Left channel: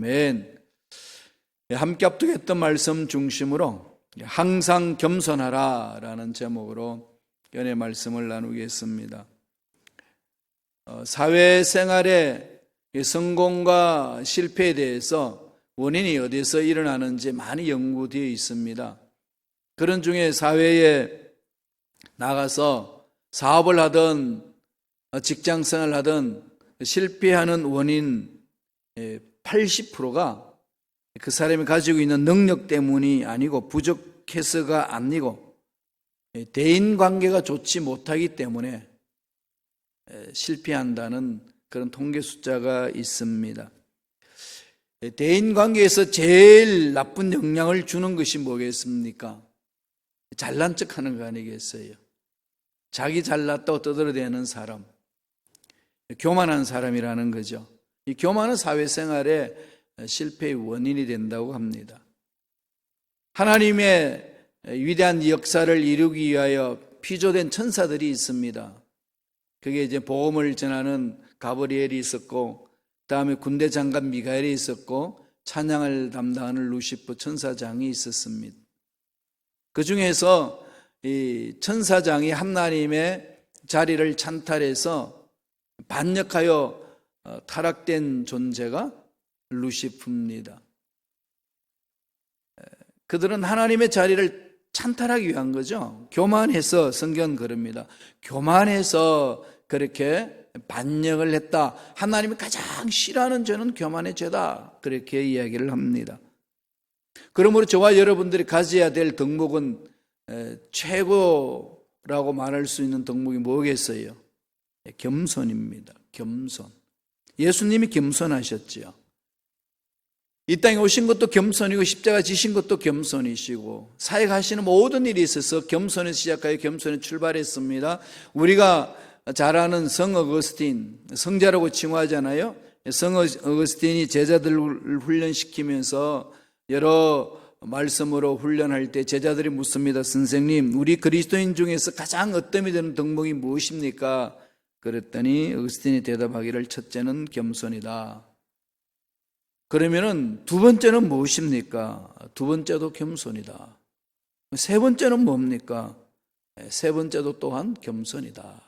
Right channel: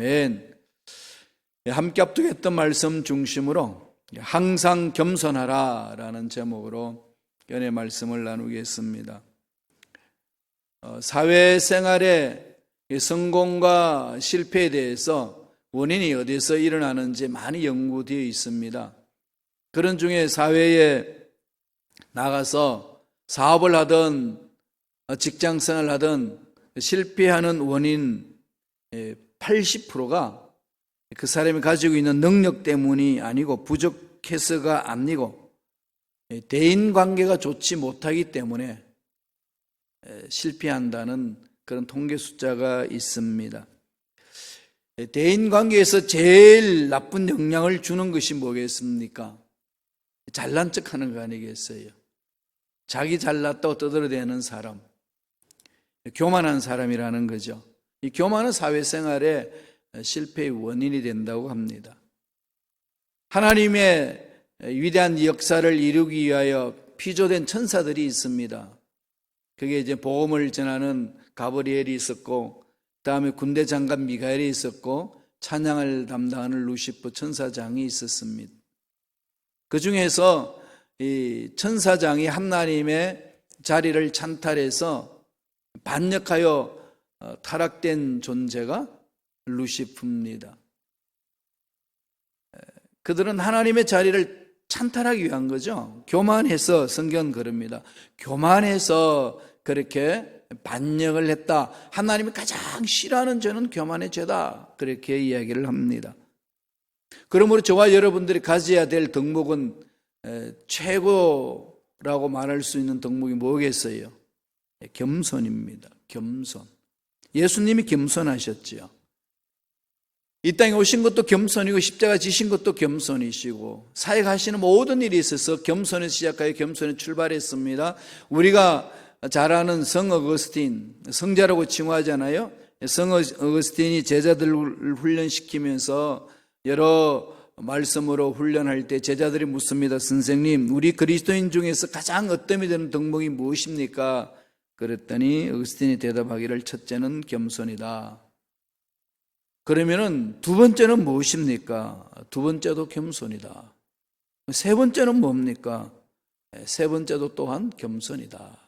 아멘. 함께 합독했던 말씀 중심으로 항상 겸손하라 라는 제목으로 연애 말씀을 나누겠습니다. 사회생활의 성공과 실패에 대해서 원인이 어디서 일어나는지 많이 연구되어 있습니다. 그런 중에 사회에 나가서 사업을 하든 직장생활을 하든 실패하는 원인 80%가 그 사람이 가지고 있는 능력 때문이 아니고 부족해서가 아니고 대인관계가 좋지 못하기 때문에 실패한다는 그런 통계 숫자가 있습니다. 대인관계에서 제일 나쁜 영향을 주는 것이 뭐겠습니까? 잘난 척하는 거 아니겠어요? 자기 잘났다고 떠들어대는 사람, 교만한 사람이라는 거죠. 이 교만은 사회생활의 실패의 원인이 된다고 합니다. 하나님의 위대한 역사를 이루기 위하여 피조된 천사들이 있습니다. 그게 이제 복음을 전하는 가브리엘이 있었고, 그 다음에 군대 장관 미가엘이 있었고, 찬양을 담당하는 루시퍼 천사장이 있었습니다. 그 중에서 이 천사장이 하나님의 자리를 찬탈해서 반역하여 타락된 존재가 루시프입니다. 그들은 하나님의 자리를 찬탈하기 위한 거죠. 교만해서 성경은 그럽니다. 교만해서 그렇게 반역을 했다. 하나님이 가장 싫어하는 죄는 교만의 죄다. 그렇게 이야기를 합니다. 그러므로 저와 여러분들이 가져야 될 덕목은 최고라고 말할 수 있는 덕목이 뭐겠어요? 겸손입니다. 겸손. 예수님이 겸손하셨죠. 이 땅에 오신 것도 겸손이고 십자가 지신 것도 겸손이시고 사역하시는 모든 일에 있어서 겸손을 시작하여 겸손을 출발했습니다. 우리가 잘 아는 성 어거스틴, 성자라고 칭호하잖아요. 성 어거스틴이 제자들을 훈련시키면서 여러 말씀으로 훈련할 때 제자들이 묻습니다. 선생님, 우리 그리스도인 중에서 가장 어뜸이 되는 덕목이 무엇입니까? 그랬더니 어거스틴이 대답하기를 첫째는 겸손이다. 그러면 두 번째는 무엇입니까? 두 번째도 겸손이다. 세 번째는 뭡니까? 세 번째도 또한 겸손이다.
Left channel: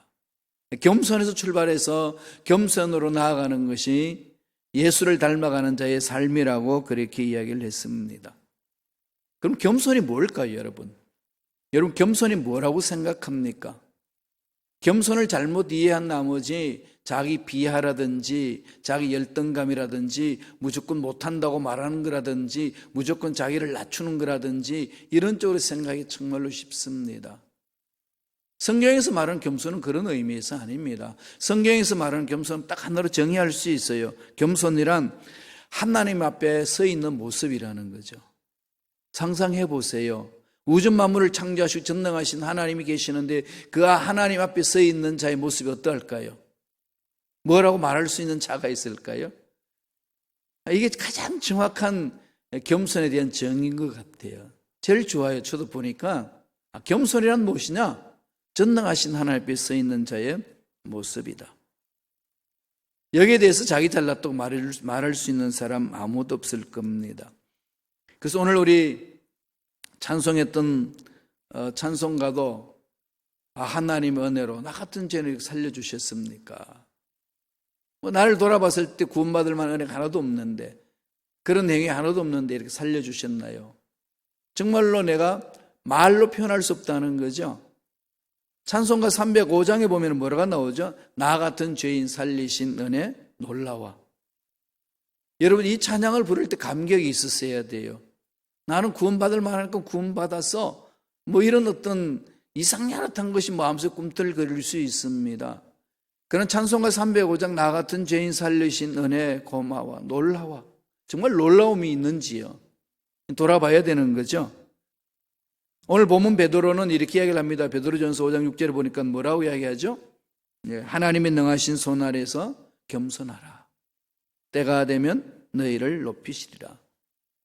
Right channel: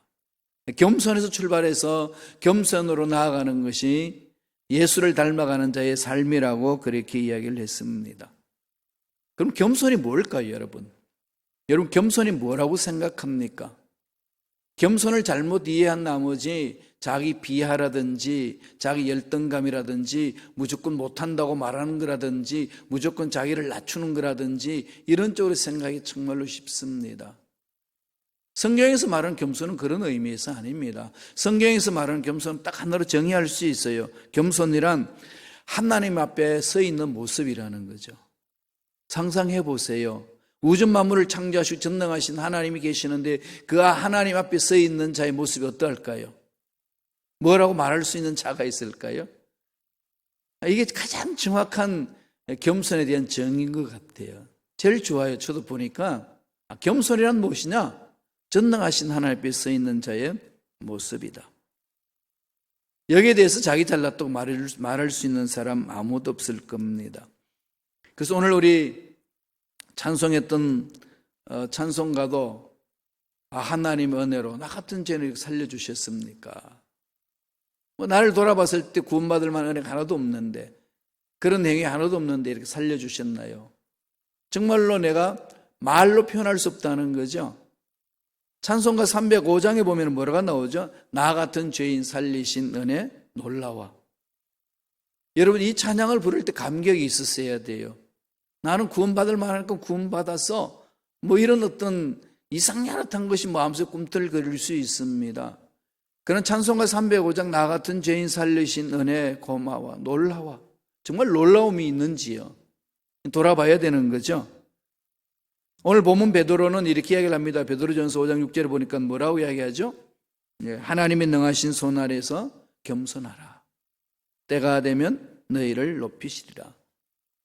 겸손에서 출발해서 겸손으로 나아가는 것이 예수를 닮아가는 자의 삶이라고 그렇게 이야기를 했습니다. 그럼 겸손이 뭘까요, 여러분? 여러분 겸손이 뭐라고 생각합니까? 겸손을 잘못 이해한 나머지 자기 비하라든지 자기 열등감이라든지 무조건 못한다고 말하는 거라든지 무조건 자기를 낮추는 거라든지 이런 쪽의 생각이 정말로 쉽습니다. 성경에서 말하는 겸손은 그런 의미에서 아닙니다. 성경에서 말하는 겸손은 딱 하나로 정의할 수 있어요. 겸손이란 하나님 앞에 서 있는 모습이라는 거죠. 상상해 보세요. 우주 만물을 창조하시고 전능하신 하나님이 계시는데 그 하나님 앞에 서 있는 자의 모습이 어떨까요? 뭐라고 말할 수 있는 자가 있을까요? 이게 가장 정확한 겸손에 대한 정의인 것 같아요. 제일 좋아요. 저도 보니까 겸손이란 무엇이냐? 전능하신 하나님 앞에 서 있는 자의 모습이다. 여기에 대해서 자기 잘났다고 말할 수 있는 사람 아무도 없을 겁니다. 그래서 오늘 우리 찬송했던 찬송가도 하나님 은혜로 나 같은 죄를 살려주셨습니까? 나를 돌아봤을 때 구원받을 만한 애 하나도 없는데 그런 행위 하나도 없는데 이렇게 살려주셨나요? 정말로 내가 말로 표현할 수 없다는 거죠. 찬송가 305장에 보면 뭐라고 나오죠? 나 같은 죄인 살리신 은혜 놀라워. 여러분 이 찬양을 부를 때 감격이 있었어야 돼요. 나는 구원받을 만한 건 구원받았어. 뭐 이런 어떤 이상한 것이 마음속에 꿈틀거릴 수 있습니다. 그런 찬송가 305장 나 같은 죄인 살리신 은혜 고마워 놀라워. 정말 놀라움이 있는지요? 돌아봐야 되는 거죠. 오늘 본문 베드로는 이렇게 이야기합니다. 베드로전서 5장 6절에 보니까 뭐라고 이야기하죠? 하나님이 능하신 손 아래서 겸손하라. 때가 되면 너희를 높이시리라.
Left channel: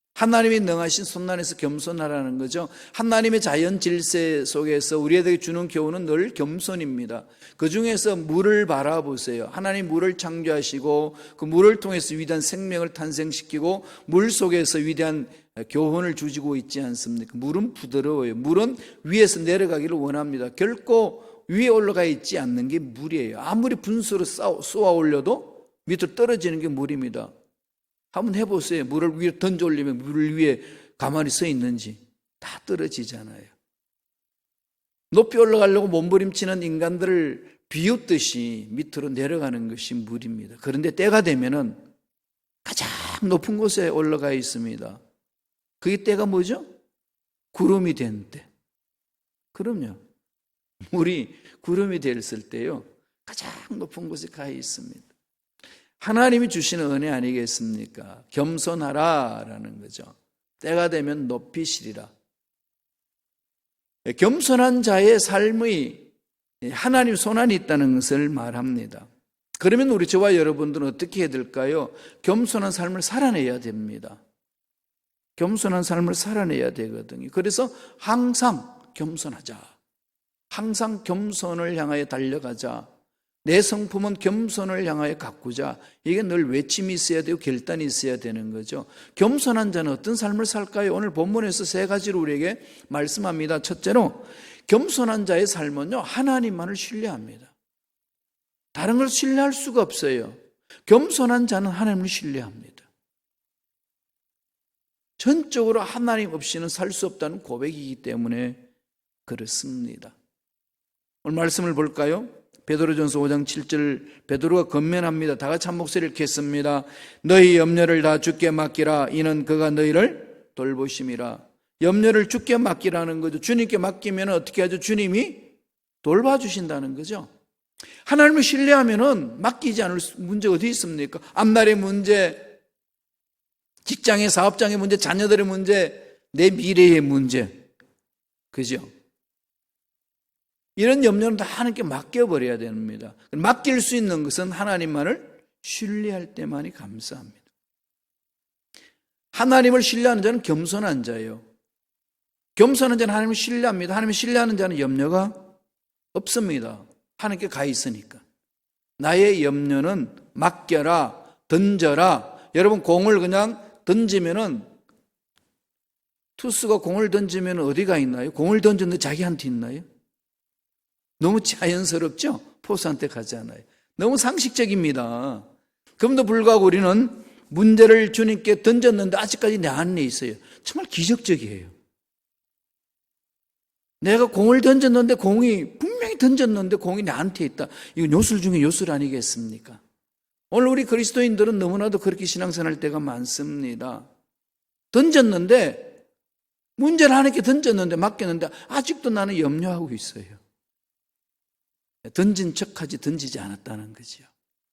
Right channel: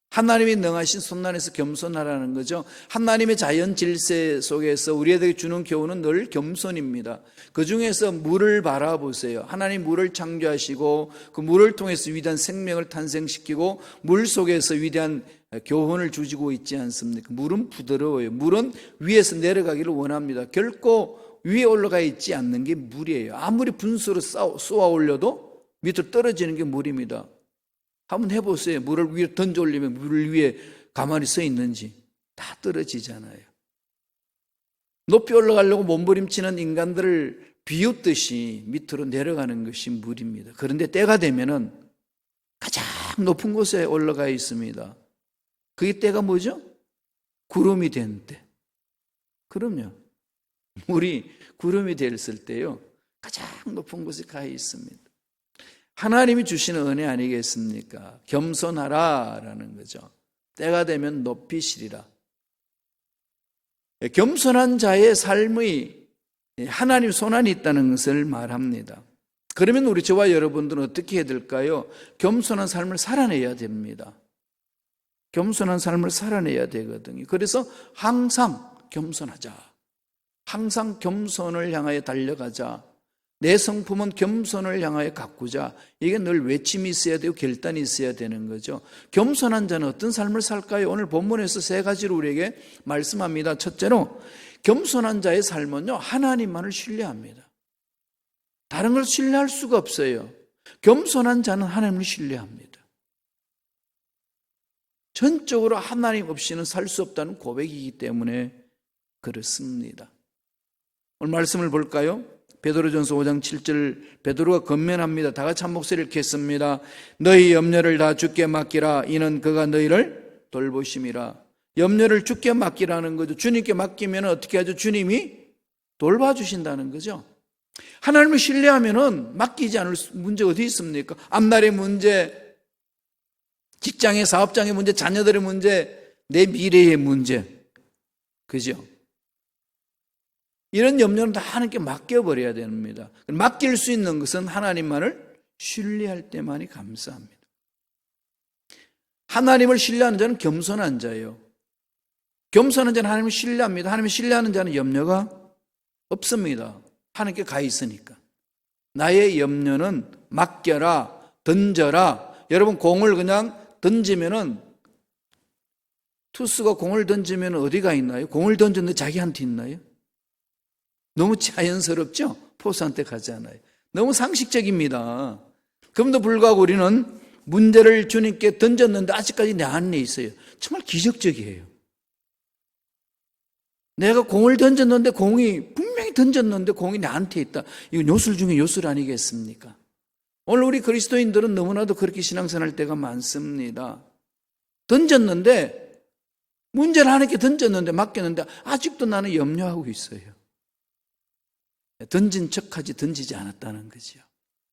하나님이 능하신 손 아래서 겸손하라는 거죠. 하나님의 자연 질서 속에서 우리에게 주는 교훈은 늘 겸손입니다. 그 중에서 물을 바라보세요. 하나님 물을 창조하시고 그 물을 통해서 위대한 생명을 탄생시키고 물 속에서 위대한 교훈을 주시고 있지 않습니까? 물은 부드러워요. 물은 위에서 내려가기를 원합니다. 결코 위에 올라가 있지 않는 게 물이에요. 아무리 분수로 쏘아 올려도 밑으로 떨어지는 게 물입니다. 한번 해보세요. 물을 위에 던져 올리면 물 위에 가만히 서 있는지 다 떨어지잖아요. 높이 올라가려고 몸부림치는 인간들을 비웃듯이 밑으로 내려가는 것이 물입니다. 그런데 때가 되면은 가장 높은 곳에 올라가 있습니다. 그게 때가 뭐죠? 구름이 된 때. 그러면 물이 구름이 됐을 때요, 가장 높은 곳에 가 있습니다. 하나님이 주시는 은혜 아니겠습니까? 겸손하라라는 거죠. 때가 되면 높이시리라. 겸손한 자의 삶의 하나님 손안에 있다는 것을 말합니다. 그러면 우리 저와 여러분들은 어떻게 해야 될까요? 겸손한 삶을 살아내야 됩니다. 겸손한 삶을 살아내야 되거든요. 그래서 항상 겸손하자. 항상 겸손을 향하여 달려가자. 내 성품은 겸손을 향하여 가꾸자. 이게 늘 외침이 있어야 되고 결단이 있어야 되는 거죠. 겸손한 자는 어떤 삶을 살까요? 오늘 본문에서 세 가지를 우리에게 말씀합니다. 첫째로 겸손한 자의 삶은요, 하나님만을 신뢰합니다. 다른 걸 신뢰할 수가 없어요. 겸손한 자는 하나님을 신뢰합니다. 전적으로 하나님 없이는 살 수 없다는 고백이기 때문에 그렇습니다. 오늘 말씀을 볼까요? 베드로전서 5장 7절 베드로가 권면합니다. 다 같이 한 목소리를 이렇게 했습니다. 너희 염려를 다 주께 맡기라. 이는 그가 너희를 돌보심이라. 염려를 주께 맡기라는 거죠. 주님께 맡기면 어떻게 하죠? 주님이 돌봐주신다는 거죠. 하나님을 신뢰하면 맡기지 않을 문제 어디 있습니까? 앞날의 문제, 직장의 사업장의 문제, 자녀들의 문제, 내 미래의 문제, 그죠? 이런 염려는 다 하나님께 맡겨버려야 됩니다. 맡길 수 있는 것은 하나님만을 신뢰할 때만이 감사합니다. 하나님을 신뢰하는 자는 겸손한 자예요. 겸손한 자는 하나님을 신뢰합니다. 하나님을 신뢰하는 자는 염려가 없습니다. 하나님께 가 있으니까. 나의 염려는 맡겨라, 던져라. 여러분 공을 그냥 던지면은 투수가 공을 던지면 어디가 있나요? 공을 던졌는데 자기한테 있나요? 너무 자연스럽죠? 포수한테 가잖아요. 너무 상식적입니다. 그럼에도 불구하고 우리는 문제를 주님께 던졌는데 아직까지 내 안에 있어요. 정말 기적적이에요. 내가 공을 던졌는데 분명히 던졌는데 공이 나한테 있다. 이거 요술 중에 요술 아니겠습니까? 오늘 우리 그리스도인들은 너무나도 그렇게 신앙생활 할 때가 많습니다. 던졌는데 문제를 하나님께 던졌는데 맡겼는데 아직도 나는 염려하고 있어요. 던진 척하지 던지지 않았다는 거죠.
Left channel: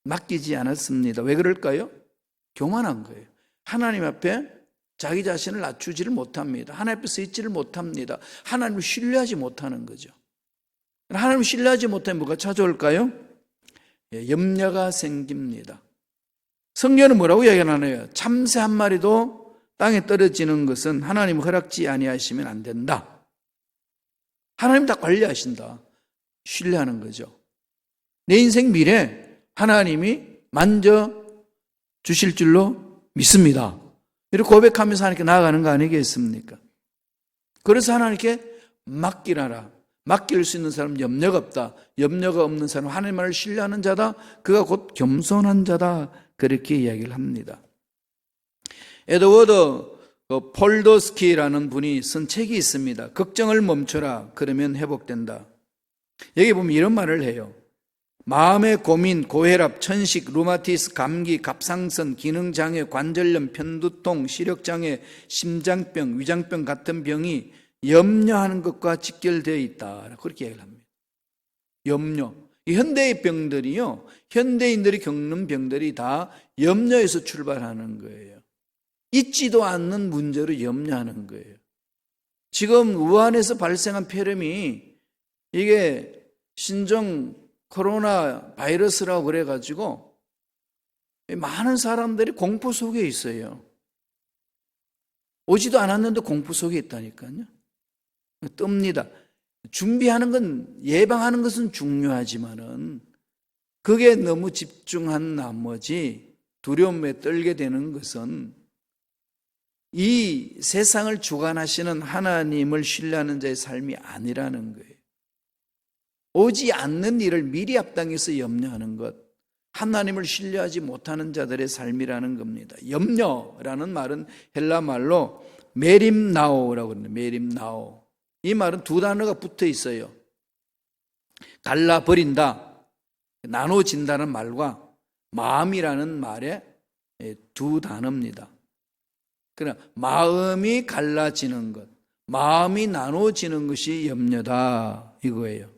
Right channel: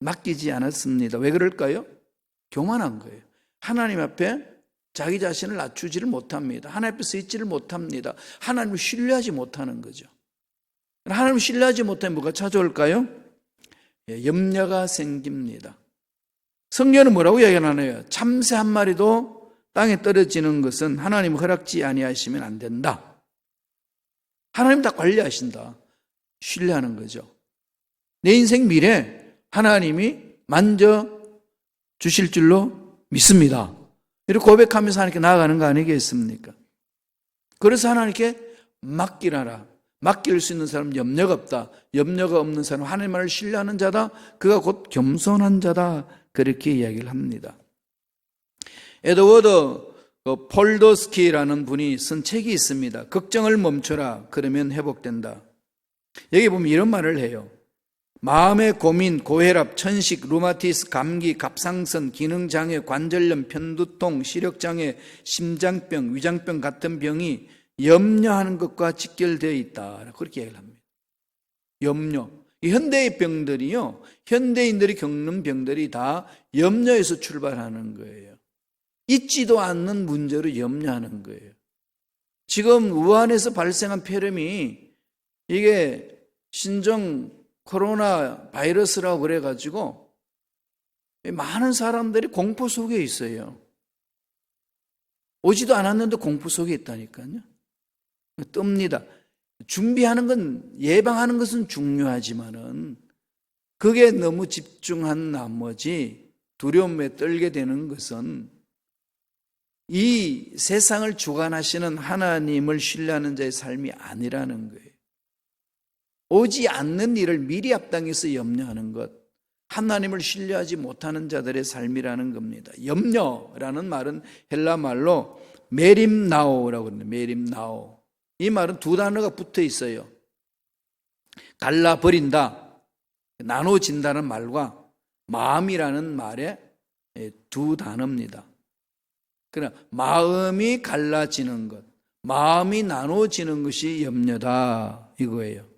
맡기지 않았습니다. 왜 그럴까요? 교만한 거예요. 하나님 앞에 자기 자신을 낮추지를 못합니다. 하나님 앞에 서 있지를 못합니다. 하나님을 신뢰하지 못하는 거죠. 하나님을 신뢰하지 못하면 뭐가 찾아올까요? 염려가 생깁니다. 성경은 뭐라고 얘기하나요? 참새 한 마리도 땅에 떨어지는 것은 하나님 허락지 아니하시면 안 된다. 하나님 다 관리하신다. 신뢰하는 거죠. 내 인생 미래 하나님이 만져 주실 줄로 믿습니다. 이렇게 고백하면서 하나님께 나아가는 거 아니겠습니까? 그래서 하나님께 맡기라라. 맡길 수 있는 사람은 염려가 없다. 염려가 없는 사람은 하나님을 신뢰하는 자다. 그가 곧 겸손한 자다. 그렇게 이야기를 합니다. 에드워드 폴도스키라는 분이 쓴 책이 있습니다. 걱정을 멈춰라. 그러면 회복된다. 여기 보면 이런 말을 해요. 마음의 고민, 고혈압, 천식, 루마티스, 감기, 갑상선, 기능장애, 관절염, 편두통, 시력장애, 심장병, 위장병 같은 병이 염려하는 것과 직결되어 있다. 그렇게 얘기합니다. 염려. 이 현대의 병들이요, 현대인들이 겪는 병들이 다 염려에서 출발하는 거예요. 있지도 않는 문제를 염려하는 거예요. 지금 우한에서 발생한 폐렴이 이게 신종 코로나 바이러스라고 그래가지고 많은 사람들이 공포 속에 있어요. 오지도 않았는데 공포 속에 있다니까요. 뜹니다. 준비하는 건, 예방하는 것은 중요하지만은 그게 너무 집중한 나머지 두려움에 떨게 되는 것은 이 세상을 주관하시는 하나님을 신뢰하는 자의 삶이 아니라는 거예요. 오지 않는 일을 미리 앞당겨서 염려하는 것, 하나님을 신뢰하지 못하는 자들의 삶이라는 겁니다. 염려라는 말은 헬라 말로 메림나오라고 합니다. 메림나오. 이 말은 두 단어가 붙어 있어요. 갈라버린다, 나눠진다는 말과 마음이라는 말의 두 단어입니다. 그러나 마음이 갈라지는 것, 마음이 나눠지는 것이 염려다 이거예요.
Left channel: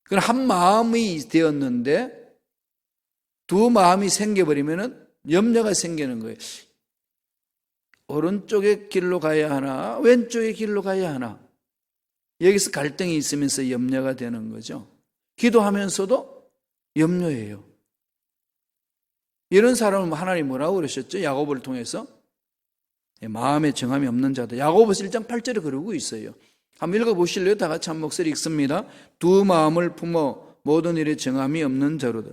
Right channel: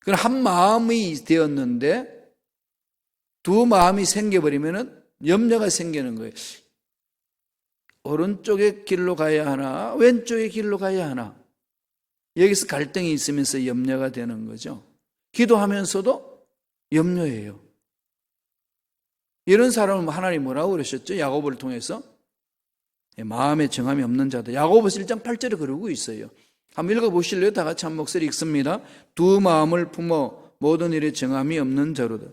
그럼 한 마음이 되었는데 두 마음이 생겨버리면 염려가 생기는 거예요. 오른쪽의 길로 가야 하나 왼쪽의 길로 가야 하나, 여기서 갈등이 있으면서 염려가 되는 거죠. 기도하면서도 염려해요. 이런 사람은 하나님 뭐라고 그러셨죠? 야고보를 통해서 마음에 정함이 없는 자들, 야고보서 1장 8절에 그러고 있어요. 한번 읽어보실래요? 다 같이 한 목소리 읽습니다. 두 마음을 품어 모든 일에 정함이 없는 자로다.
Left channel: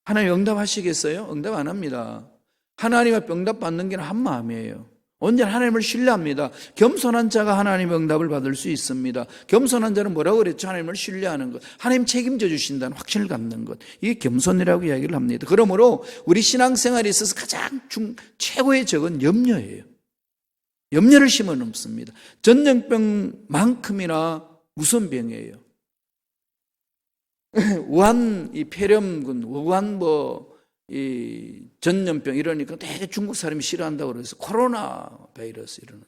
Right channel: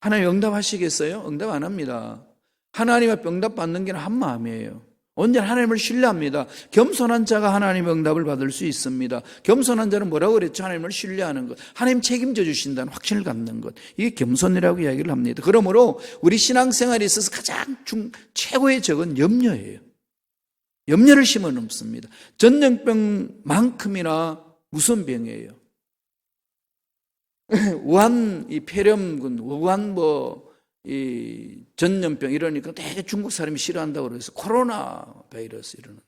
하나님 응답하시겠어요? 응답 안 합니다. 하나님 앞에 응답받는 게 한 마음이에요. 언제나 하나님을 신뢰합니다. 겸손한 자가 하나님의 응답을 받을 수 있습니다. 겸손한 자는 뭐라고 그랬죠? 하나님을 신뢰하는 것, 하나님 책임져 주신다는 확신을 갖는 것, 이게 겸손이라고 이야기를 합니다. 그러므로 우리 신앙생활에 있어서 가장 최고의 적은 염려예요. 염려를 심어 넘습니다. 전염병만큼이나 무서운 병이에요. 우한 이 폐렴군, 우한 이 전염병 이러니까 되게 중국 사람이 싫어한다고 그래서 코로나 바이러스 이러는데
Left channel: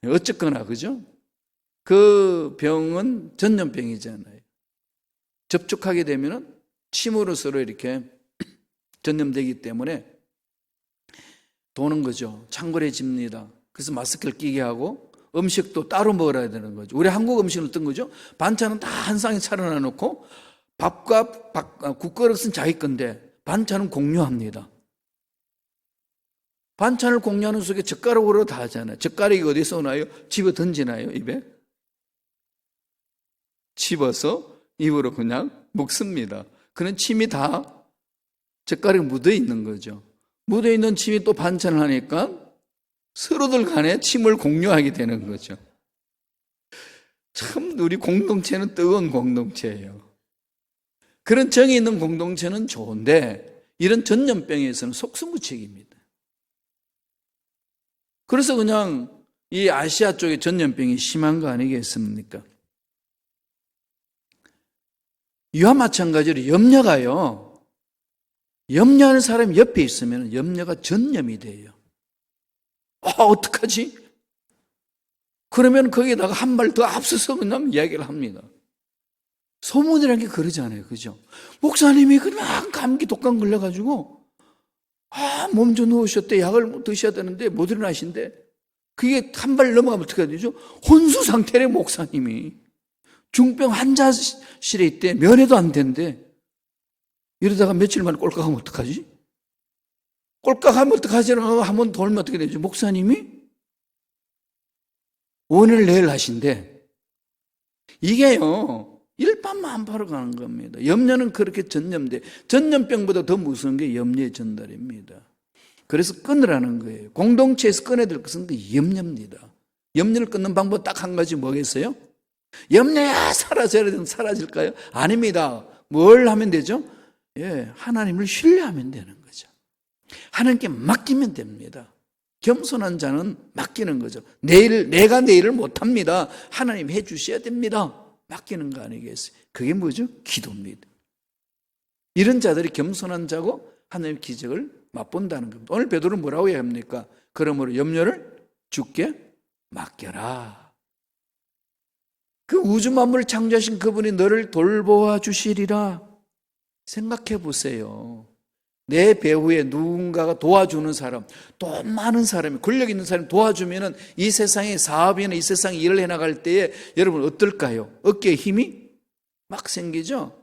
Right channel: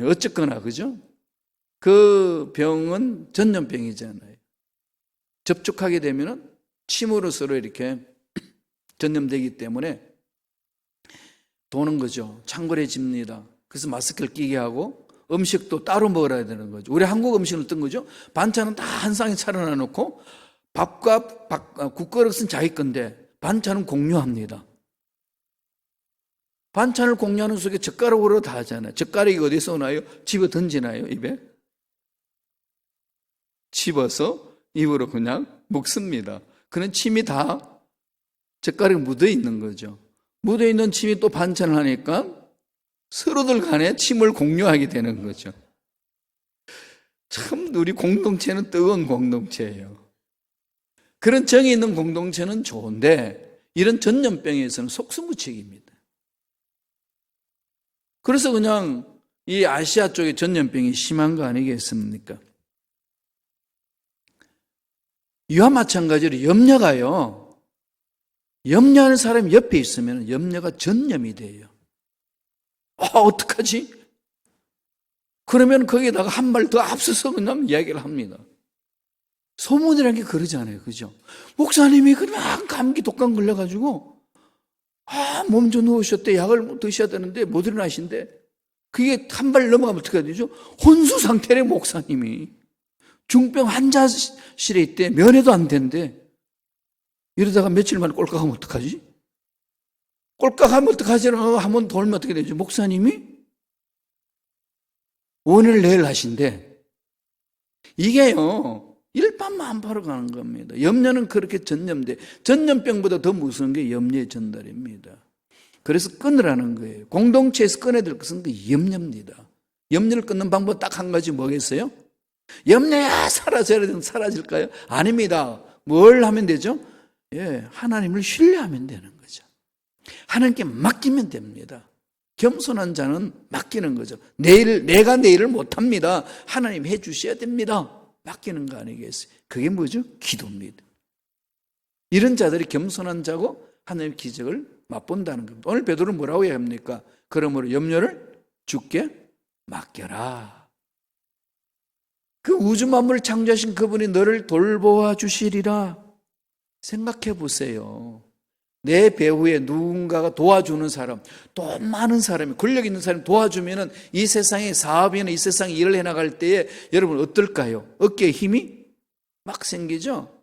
어쨌거나 그죠? 그 병은 전염병이잖아요. 접촉하게 되면 침으로서 이렇게 전염되기 때문에 도는 거죠. 창궐해집니다. 그래서 마스크를 끼게 하고 음식도 따로 먹어야 되는 거죠. 우리 한국 음식은 어떤 거죠? 반찬은 다 한 상에 차려놔 놓고 밥과 국그릇은 자기 건데 반찬은 공유합니다. 반찬을 공유하는 속에 젓가락으로 다 하잖아요. 젓가락이 어디서 오나요? 집어 던지나요? 입에? 집어서 입으로 그냥 먹습니다. 그런 침이 다 젓가락에 묻어 있는 거죠. 묻어 있는 침이 또 반찬하니까 서로들 간에 침을 공유하게 되는 거죠. 참 우리 공동체는 뜨거운 공동체예요. 그런 정이 있는 공동체는 좋은데 이런 전염병에서는 속수무책입니다. 그래서 그냥 이 아시아 쪽의 전염병이 심한 거 아니겠습니까? 이와 마찬가지로 염려가요, 염려하는 사람이 옆에 있으면 염려가 전염이 돼요. 어떡하지? 그러면 거기에다가 한 말 더 앞서서 그냥 이야기를 합니다. 소문이라는 게 그러잖아요. 그죠? 목사님이 그냥 감기 독감 걸려가지고 몸 좀 누우셨대. 약을 드셔야 되는데 못 일어나신대. 그게 한 발 넘어가면 어떻게 해야 되죠? 혼수 상태의 목사님이 중병 환자실에 있대. 면회도 안 된대. 이러다가 며칠 만에 꼴깍하면 어떡하지? 꼴깍하면 어떡하지라고 한번 돌면 어떻게 되죠? 목사님이 오늘 내일 하신대. 이게요, 일파만파로 가는 겁니다. 염려는 그렇게 전염돼. 전염병보다 더 무서운 게 염려의 전달입니다. 그래서 끊으라는 거예요. 공동체에서 끊어야 될 것은 염려입니다. 염려를 끊는 방법 딱 한 가지 뭐겠어요? 염려야 사라질까요? 아닙니다. 뭘 하면 되죠? 하나님을 신뢰하면 되는 거죠. 하나님께 맡기면 됩니다. 겸손한 자는 맡기는 거죠. 내가 내일을 못합니다. 하나님 해주셔야 됩니다. 맡기는 거 아니겠어요? 그게 뭐죠? 기도입니다. 이런 자들이 겸손한 자고 하나님의 기적을 맛본다는 겁니다. 오늘 베드로는 뭐라고 해야 합니까? 그러므로 염려를 주께 맡겨라. 그 우주 만물을 창조하신 그분이 너를 돌보아 주시리라. 생각해 보세요. 내 배후에 누군가가 도와주는 사람, 돈 많은 사람, 권력 있는 사람 도와주면 이 세상의 사업이나 이 세상 일을 해나갈 때에 여러분 어떨까요? 어깨에 힘이 막 생기죠?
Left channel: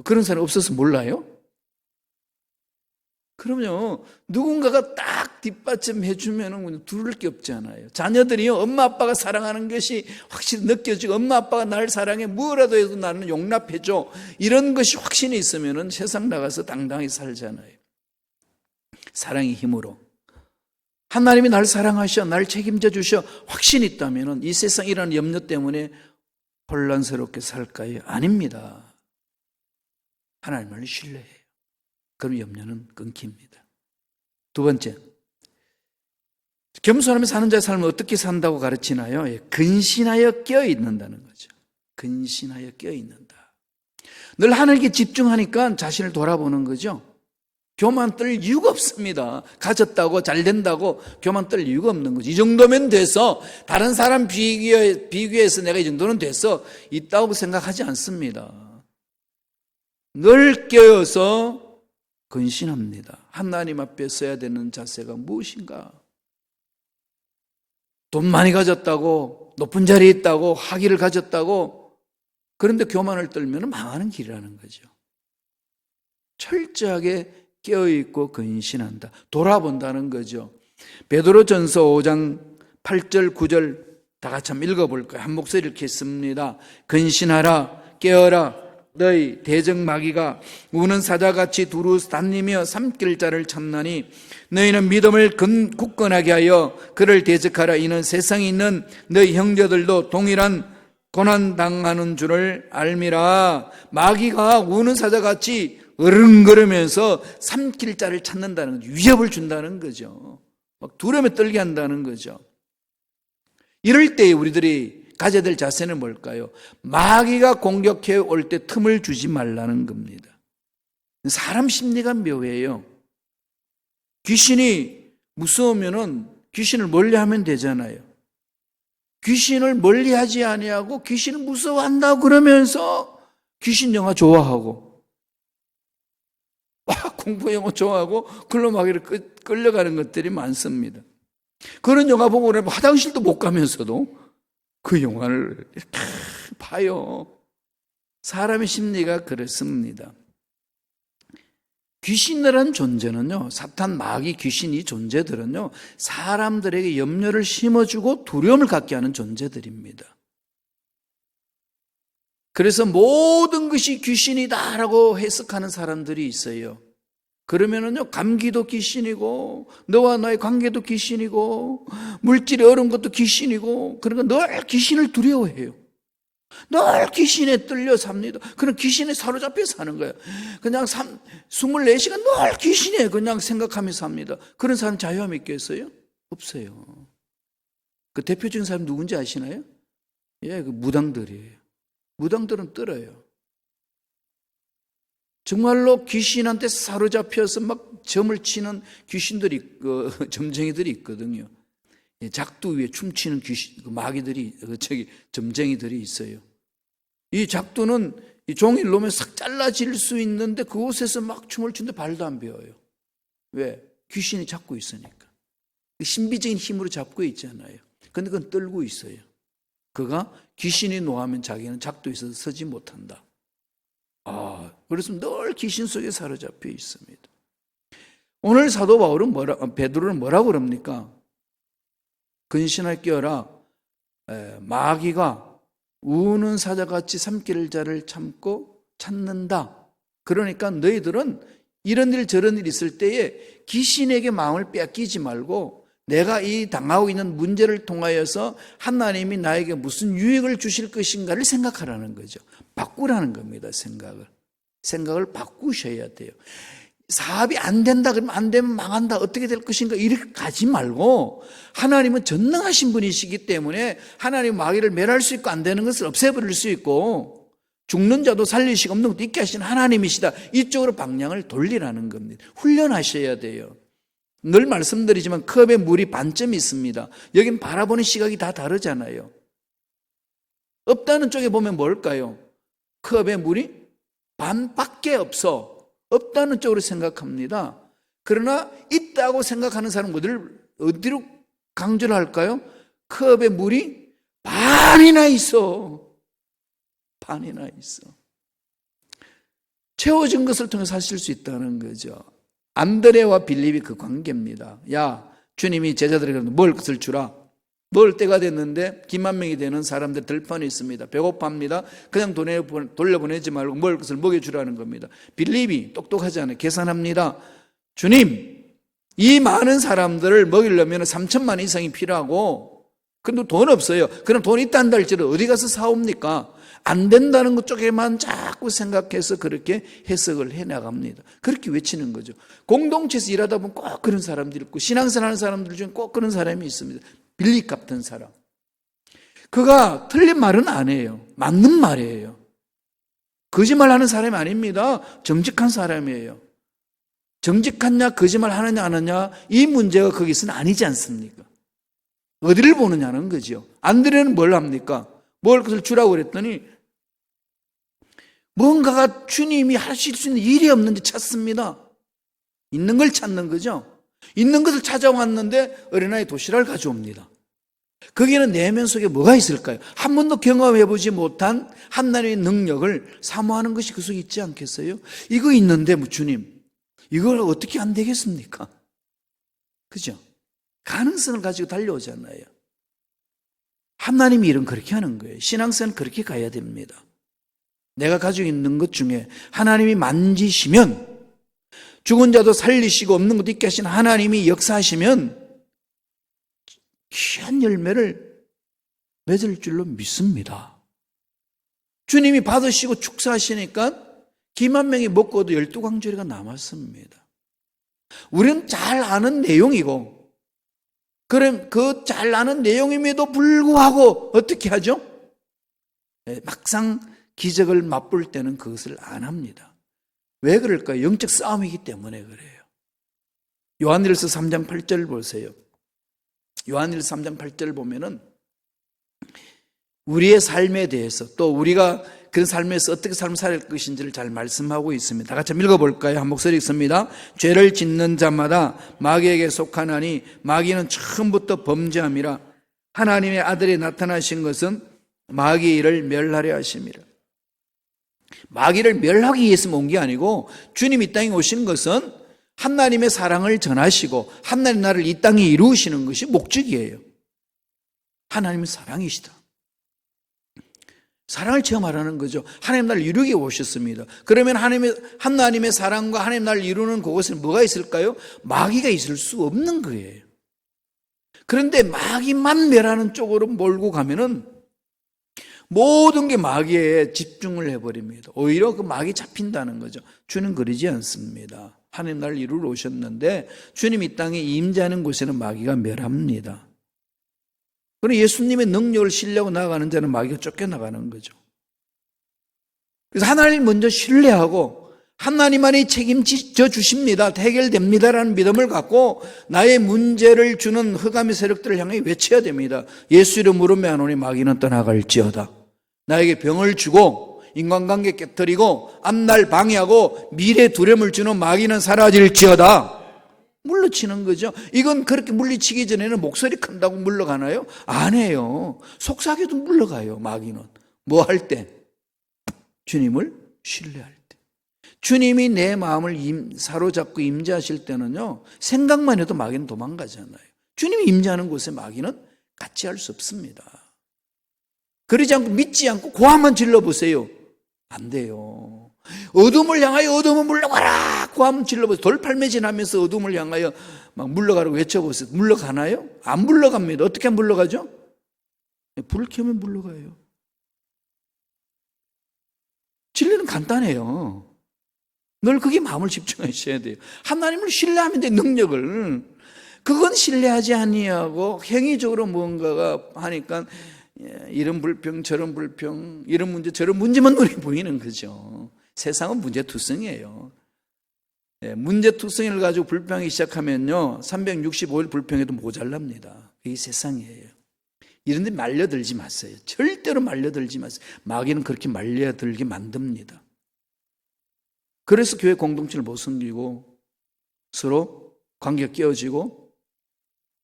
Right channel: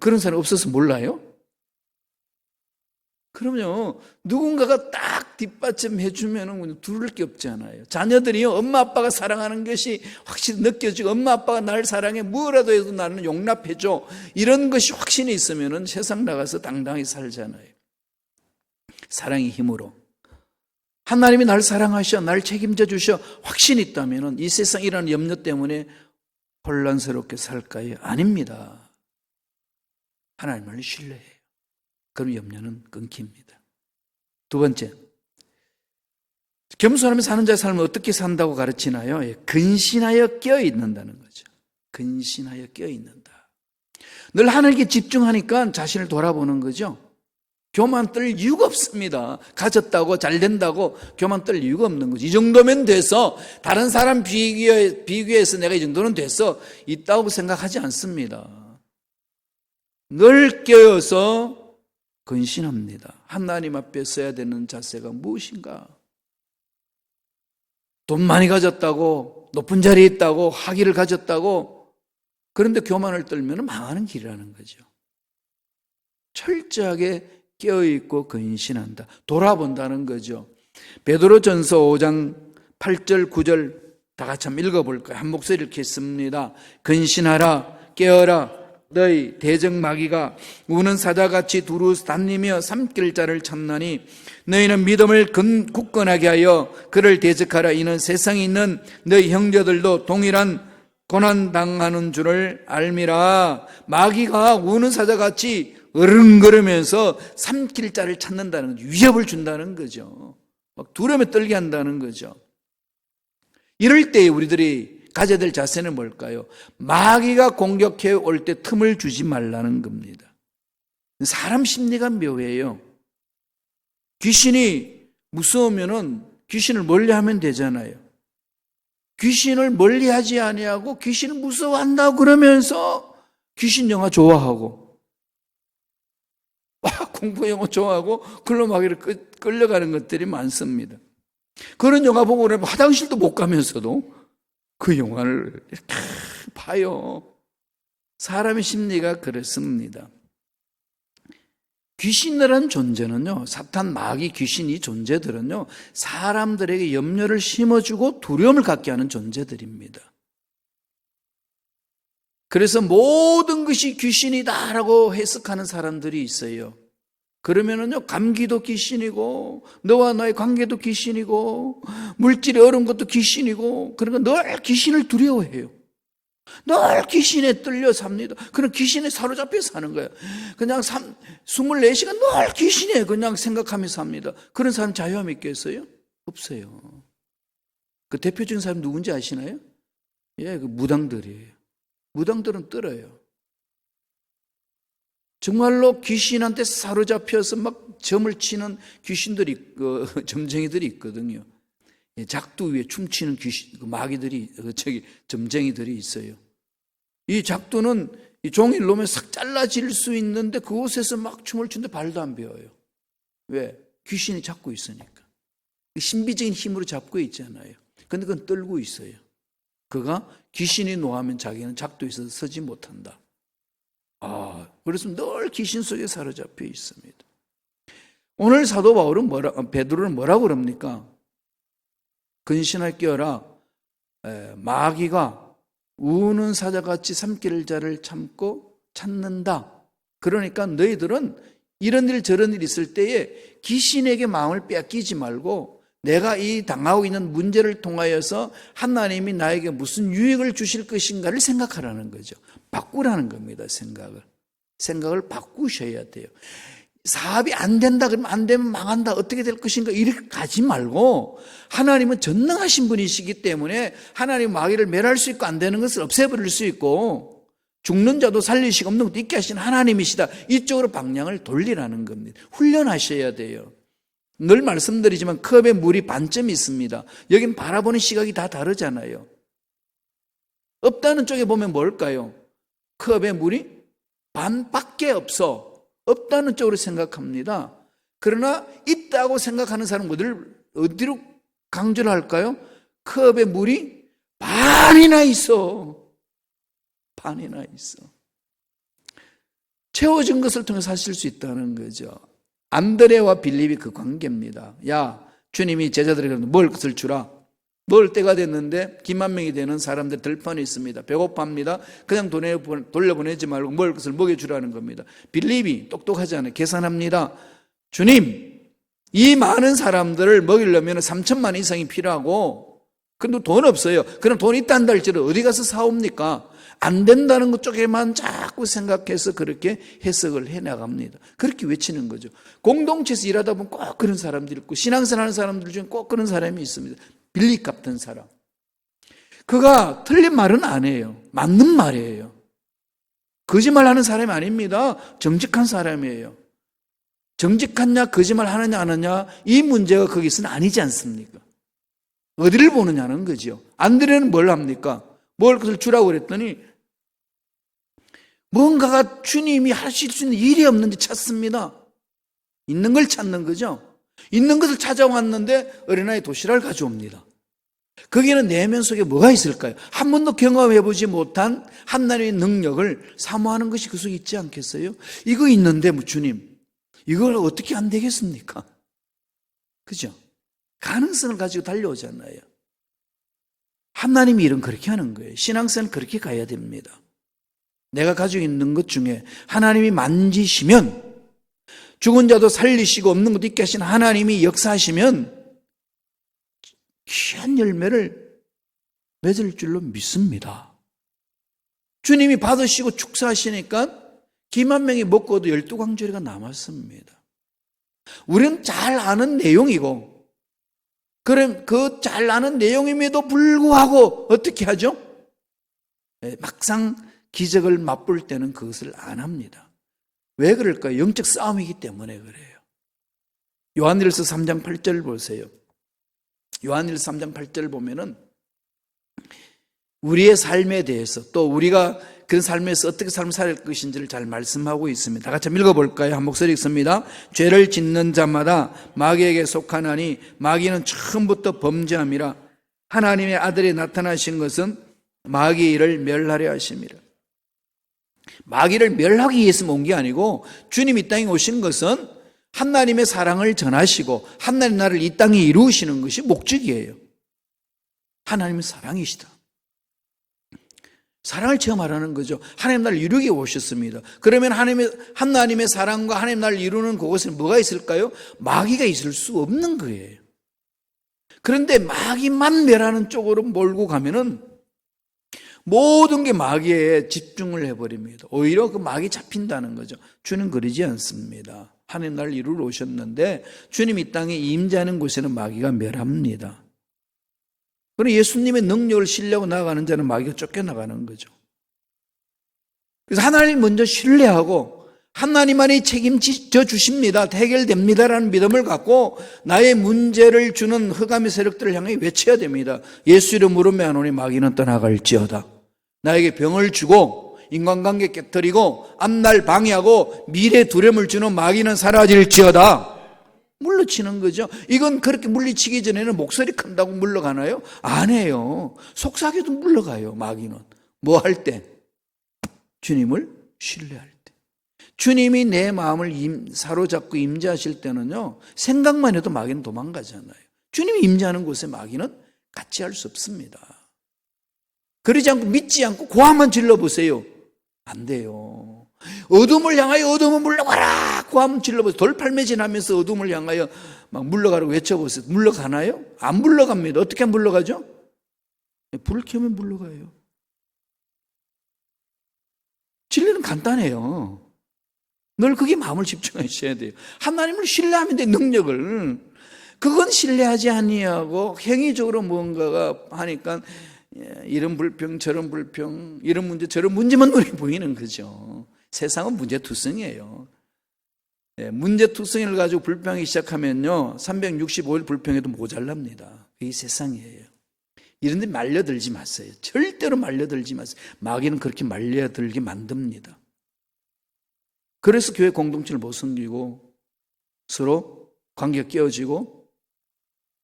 그런 사람 없어서 몰라요? 그럼요. 누군가가 딱 딱 뒷받침해 주면 두를 게 없잖아요. 자녀들이 엄마 아빠가 사랑하는 것이 확실히 느껴지고 엄마 아빠가 날 사랑해 뭐라도 해도 나는 용납해 줘. 이런 것이 확신이 있으면 세상 나가서 당당히 살잖아요. 사랑의 힘으로. 하나님이 날 사랑하셔, 날 책임져 주셔 확신이 있다면 이 세상이라는 염려 때문에 혼란스럽게 살까요? 아닙니다. 하나님을 신뢰해요. 그럼 염려는 끊깁니다. 두 번째, 겸손한 사는 자의 삶은 어떻게 산다고 가르치나요? 근신하여 껴있는다는 거죠. 근신하여 껴있는다. 늘 하나님께 집중하니까 자신을 돌아보는 거죠. 교만 떨 이유가 없습니다. 가졌다고 잘된다고 교만 떨 이유가 없는 거죠. 이 정도면 돼서 다른 사람 비교해서 내가 이 정도는 돼서 있다고 생각하지 않습니다. 늘 껴서 근신합니다. 하나님 앞에 서야 되는 자세가 무엇인가? 돈 많이 가졌다고, 높은 자리에 있다고, 학위를 가졌다고, 그런데 교만을 떨면 망하는 길이라는 거죠. 철저하게 껴있고 근신한다. 돌아본다는 거죠. 베드로전서 5장 8절 9절 다 같이 한번 읽어볼까요? 한 목소리 이렇게 있습니다. 근신하라, 깨어라. 너희 대적 마귀가 우는 사자같이 두루 다니며 삼킬 자를 찾나니 너희는 믿음을 굳건하게 하여 그를 대적하라. 이는 세상에 있는 너희 형제들도 동일한 고난 당하는 줄을 알미라. 마귀가 우는 사자같이 으르렁거리면서 삼킬 자를 찾는다는 위협을 준다는 거죠. 두려움에 떨게 한다는 거죠. 이럴 때 우리들이 가져야 될 자세는 뭘까요? 마귀가 공격해 올 때 틈을 주지 말라는 겁니다. 사람 심리가 묘해요. 귀신이 무서우면은 귀신을 멀리하면 되잖아요. 귀신을 멀리하지 아니하고 귀신을 무서워한다 그러면서 귀신 영화 좋아하고 공포 영화 좋아하고 그런 마귀를 끌려가는 것들이 많습니다. 그런 영화 보고 화장실도 못 가면서도 그 영화를 이렇게 봐요. 사람의 심리가 그렇습니다. 귀신이라는 존재는요, 사탄, 마귀, 귀신 이 존재들은요, 사람들에게 염려를 심어주고 두려움을 갖게 하는 존재들입니다. 그래서 모든 것이 귀신이다라고 해석하는 사람들이 있어요. 그러면은요, 감기도 귀신이고, 너와 나의 관계도 귀신이고, 물질이 어려운 것도 귀신이고, 그러나 늘 귀신을 두려워해요. 늘 귀신에 떨려 삽니다. 그런 귀신에 사로잡혀 사는 거예요. 그냥 24시간 늘 귀신에 그냥 생각하면서 삽니다. 그런 사람 자유함이 있겠어요? 없어요. 그 대표적인 사람 누군지 아시나요? 예, 무당들이에요. 무당들은 떨어요. 정말로 귀신한테 사로잡혀서 막 점을 치는 귀신들이, 점쟁이들이 있거든요. 작두 위에 춤추는 귀신, 마귀들이, 점쟁이들이 있어요. 이 작두는 이 종이를 놓으면 싹 잘라질 수 있는데 그곳에서 막 춤을 추는데 발도 안 베어요. 왜? 귀신이 잡고 있으니까. 신비적인 힘으로 잡고 있잖아요. 그런데 그건 떨고 있어요. 그가 귀신이 노하면 자기는 작두에서 서지 못한다. 그래서 늘 귀신 속에 사로잡혀 있습니다. 오늘 사도 바울은 베드로는 뭐라고 그럽니까? 근신할 끼어라. 마귀가 우는 사자같이 삼킬 자를 참고 찾는다. 그러니까 너희들은 이런 일 저런 일 있을 때에 귀신에게 마음을 빼앗기지 말고 내가 이 당하고 있는 문제를 통하여서 하나님이 나에게 무슨 유익을 주실 것인가를 생각하라는 거죠. 바꾸라는 겁니다. 생각을 바꾸셔야 돼요. 사업이 안 된다 그러면 안 되면 망한다 어떻게 될 것인가 이렇게 가지 말고 하나님은 전능하신 분이시기 때문에 하나님 마귀를 멸할 수 있고 안 되는 것을 없애버릴 수 있고 죽는 자도 살리시고 없는 것도 있게 하시는 하나님이시다. 이쪽으로 방향을 돌리라는 겁니다. 훈련하셔야 돼요. 늘 말씀드리지만 컵에 물이 반쯤 있습니다. 여기 바라보는 시각이 다 다르잖아요. 없다는 쪽에 보면 뭘까요? 컵에 물이 반밖에 없다는 쪽으로 생각합니다. 그러나 있다고 생각하는 사람들을 어디로 강조를 할까요? 컵에 물이 반이나 있어. 채워진 것을 통해서 하실 수 있다는 거죠. 안드레와 빌립이 그 관계입니다. 야, 주님이 제자들에게 먹을 것을 주라. 먹을 때가 됐는데 기만 명이 되는 사람들 들판에 있습니다. 배고파합니다. 그냥 돌려보내지 말고 먹을 것을 먹여주라는 겁니다. 빌립이 똑똑하잖아요. 계산합니다. 주님, 이 많은 사람들을 먹이려면 3천만 이상이 필요하고, 그래도 돈 없어요. 그럼 돈 있다는 할지를 어디 가서 사옵니까? 안 된다는 것 쪽에만 자꾸 생각해서 그렇게 해석을 해나갑니다. 그렇게 외치는 거죠. 공동체에서 일하다 보면 꼭 그런 사람들이 있고, 신앙생활 하는 사람들 중에 꼭 그런 사람이 있습니다. 빌립 같은 사람. 그가 틀린 말은 안 해요. 맞는 말이에요. 거짓말하는 사람이 아닙니다. 정직한 사람이에요. 정직하냐 거짓말 하느냐 안 하느냐 이 문제가 거기서는 아니지 않습니까? 어디를 보느냐는 거죠. 안드레는 뭘 합니까? 뭘 그걸 주라고 그랬더니 뭔가가 주님이 하실 수 있는 일이 없는지 찾습니다. 있는 걸 찾는 거죠. 있는 것을 찾아왔는데 어린아이 도시락을 가져옵니다. 거기는 내면 속에 뭐가 있을까요? 한 번도 경험해보지 못한 하나님의 능력을 사모하는 것이 그 속에 있지 않겠어요? 이거 있는데 주님, 이걸 어떻게 안 되겠습니까? 그죠? 가능성을 가지고 달려오잖아요. 하나님이 일은 그렇게 하는 거예요. 신앙생활은 그렇게 가야 됩니다. 내가 가지고 있는 것 중에 하나님이 만지시면, 죽은 자도 살리시고 없는 것도 있게 하시는 하나님이 역사하시면 귀한 열매를 맺을 줄로 믿습니다. 주님이 받으시고 축사하시니까 기만 명이 먹고도 12광주리가 남았습니다. 우리는 잘 아는 내용이고, 그럼 그 잘 아는 내용임에도 불구하고 어떻게 하죠? 막상 기적을 맛볼 때는 그것을 안 합니다. 왜 그럴까요? 영적 싸움이기 때문에 그래요. 요한일서 3장 8절 보세요. 요한일서 3장 8절 보면은 우리의 삶에 대해서, 또 우리가 그 삶에서 어떻게 삶을 살 것인지를 잘 말씀하고 있습니다. 다 같이 읽어볼까요? 한 목소리 있습니다. 죄를 짓는 자마다 마귀에게 속하나니 마귀는 처음부터 범죄함이라. 하나님의 아들이 나타나신 것은 마귀를 멸하려 하심이라. 마귀를 멸하기 위해서 온 게 아니고, 주님이 이 땅에 오신 것은 하나님의 사랑을 전하시고 하나님 나라를 이 땅에 이루시는 것이 목적이에요. 하나님은 사랑이시다. 사랑을 체험하라는 거죠. 하나님 나라를 이루게 오셨습니다. 그러면 하나님의 사랑과 하나님 나라를 이루는 그곳에 뭐가 있을까요? 마귀가 있을 수 없는 거예요. 그런데 마귀만 멸하는 쪽으로 몰고 가면은 모든 게 마귀에 집중을 해버립니다. 오히려 그 마귀 잡힌다는 거죠. 주는 그러지 않습니다. 하나님 나라를 이루러 오셨는데 주님이 이 땅에 임재하는 곳에는 마귀가 멸합니다. 그리고 예수님의 능력을 신뢰하고 나가는 자는 마귀가 쫓겨나가는 거죠. 그래서 하나님 먼저 신뢰하고 하나님만이 책임져 주십니다. 해결됩니다라는 믿음을 갖고 나의 문제를 주는 흑암의 세력들을 향해 외쳐야 됩니다. 예수 이름으로 명하노니 마귀는 떠나갈지어다. 나에게 병을 주고 인간관계 깨뜨리고 앞날 방해하고 미래 두려움을 주는 마귀는 사라질지어다. 물러치는 거죠. 이건 그렇게 물리치기 전에는 목소리 큰다고 물러가나요? 안 해요. 속삭여도 물러가요. 마귀는 뭐 할 때? 주님을 신뢰할 때. 주님이 내 마음을 사로잡고 임재하실 때는요, 생각만 해도 마귀는 도망가잖아요. 주님이 임재하는 곳에 마귀는 같이 할 수 없습니다. 그러지 않고 믿지 않고 고함만 질러보세요. 안 돼요. 어둠을 향하여 어둠을 물러가라. 고함 질러보세요. 돌팔매질하면서 어둠을 향하여 막 물러가라고 외쳐보세요. 물러가나요? 안 물러갑니다. 어떻게 물러가죠? 불을 켜면 물러가요. 진리는 간단해요. 늘 그게 마음을 집중하셔야 돼요. 하나님을 신뢰하면 돼, 능력을. 그건 신뢰하지 아니하고 행위적으로 무언가가 하니까 이런 불평 저런 불평, 이런 문제 저런 문제만 눈에 보이는 거죠. 세상은 문제투성이에요. 문제투성이를 가지고 불평하기 시작하면요 365일 불평해도 모자랍니다. 이게 세상이에요. 이런 데를 말려들지 마세요. 절대로 말려들지 마세요. 마귀는 그렇게 말려들게 만듭니다. 그래서 교회 공동체를 못 숨기고 서로 관계가 깨어지고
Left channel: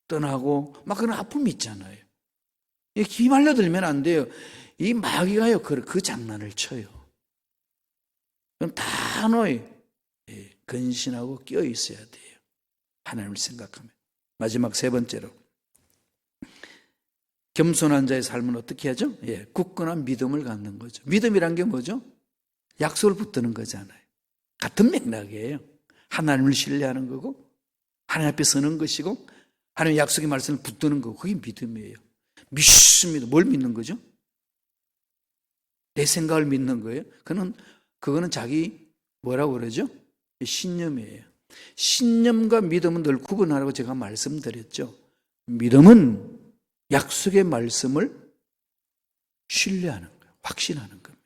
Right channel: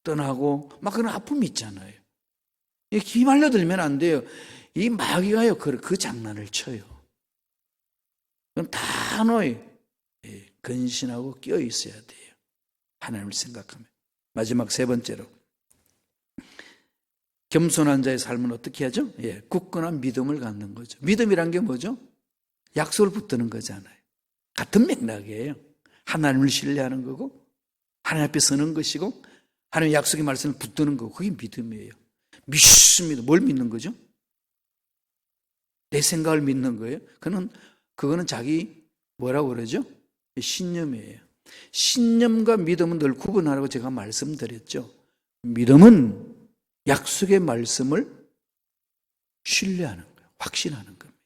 떠나고 막 그런 아픔이 있잖아요. 이게 기말려들면 안 돼요. 이 마귀가요 그 장난을 쳐요. 그럼 단호히 근신하고 끼어 있어야 돼요. 하나님을 생각하면. 마지막 세 번째로, 겸손한 자의 삶은 어떻게 하죠? 굳건한 믿음을 갖는 거죠. 믿음이라는 게 뭐죠? 약속을 붙드는 거잖아요. 같은 맥락이에요. 하나님을 신뢰하는 거고, 하나님 앞에 서는 것이고, 하나님 약속의 말씀을 붙드는 거고, 그게 믿음이에요. 믿습니다. 뭘 믿는 거죠? 내 생각을 믿는 거예요. 그거는 자기 뭐라고 그러죠? 신념이에요. 신념과 믿음은 늘 구분하라고 제가 말씀드렸죠. 믿음은 약속의 말씀을 신뢰하는 거예요. 확신하는 겁니다.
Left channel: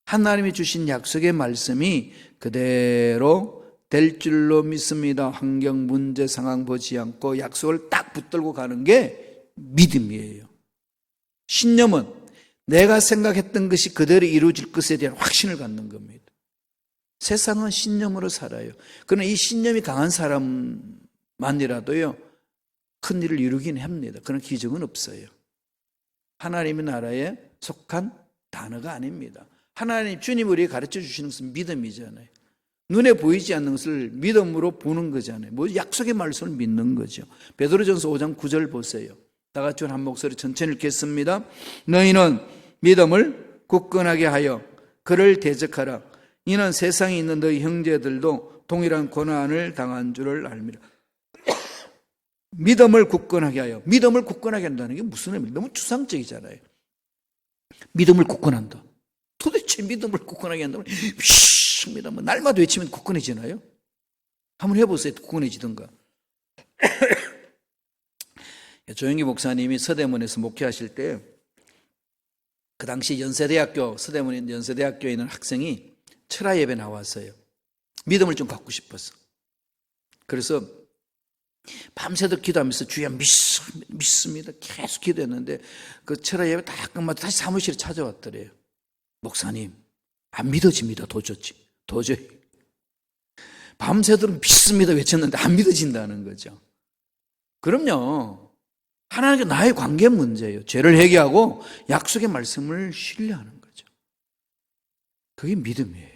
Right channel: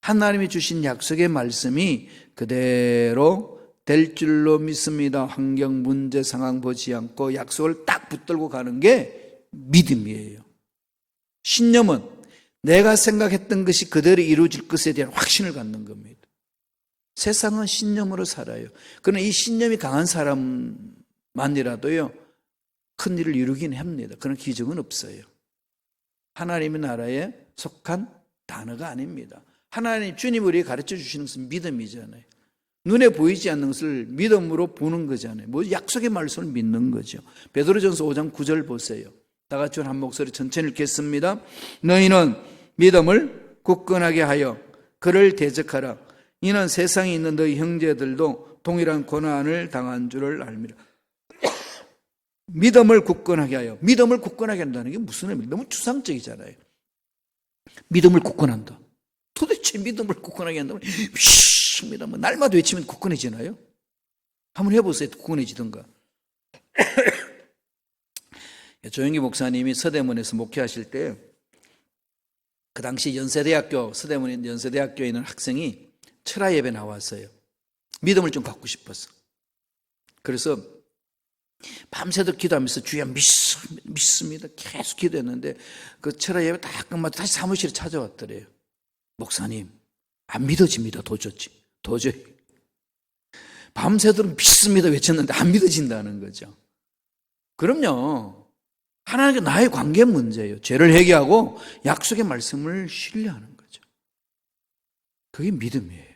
하나님이 주신 약속의 말씀이 그대로 될 줄로 믿습니다. 환경, 문제, 상황 보지 않고 약속을 딱 붙들고 가는 게 믿음이에요. 신념은 내가 생각했던 것이 그대로 이루어질 것에 대한 확신을 갖는 겁니다. 세상은 신념으로 살아요. 그러나 이 신념이 강한 사람만이라도요, 큰 일을 이루긴 합니다. 그런 기적은 없어요. 하나님의 나라에 속한 단어가 아닙니다. 하나님, 주님 우리에게 가르쳐 주시는 것은 믿음이잖아요. 눈에 보이지 않는 것을 믿음으로 보는 거잖아요. 뭐 약속의 말씀을 믿는 거죠. 베드로전서 5장 9절 보세요. 다 같이 한 목소리 천천히 읽겠습니다. 너희는 믿음을 굳건하게 하여 그를 대적하라. 이는 세상에 있는 너희 형제들도 동일한 고난을 당한 줄을 압니다. 믿음을 굳건하게 하여. 믿음을 굳건하게 한다는 게 무슨 의미입니까? 너무 추상적이잖아요. 믿음을 굳건한다. 도대체 믿음을 굳건하게 한다고 믿음은 날마다 외치면 굳건해지나요? 한번 해보세요. 굳건해지던가. 조영기 목사님이 서대문에서 목회하실 때 그 당시 서대문 연세대학교에 있는 학생이 철야 예배 나왔어요. 믿음을 좀 받고 싶었어. 그래서 밤새도록 기도하면서 주여 믿습니다. 계속 기도했는데 그 철야 예배 다 끝나고 다시 사무실에 찾아왔더래요. 목사님, 안 믿어집니다. 도저히. 밤새도록 믿습니다 외쳤는데 안 믿어진다는 거죠. 그럼요. 하나님과 나의 관계 문제예요. 죄를 회개하고 약속의 말씀을 신뢰하는 거죠. 그게 믿음이에요.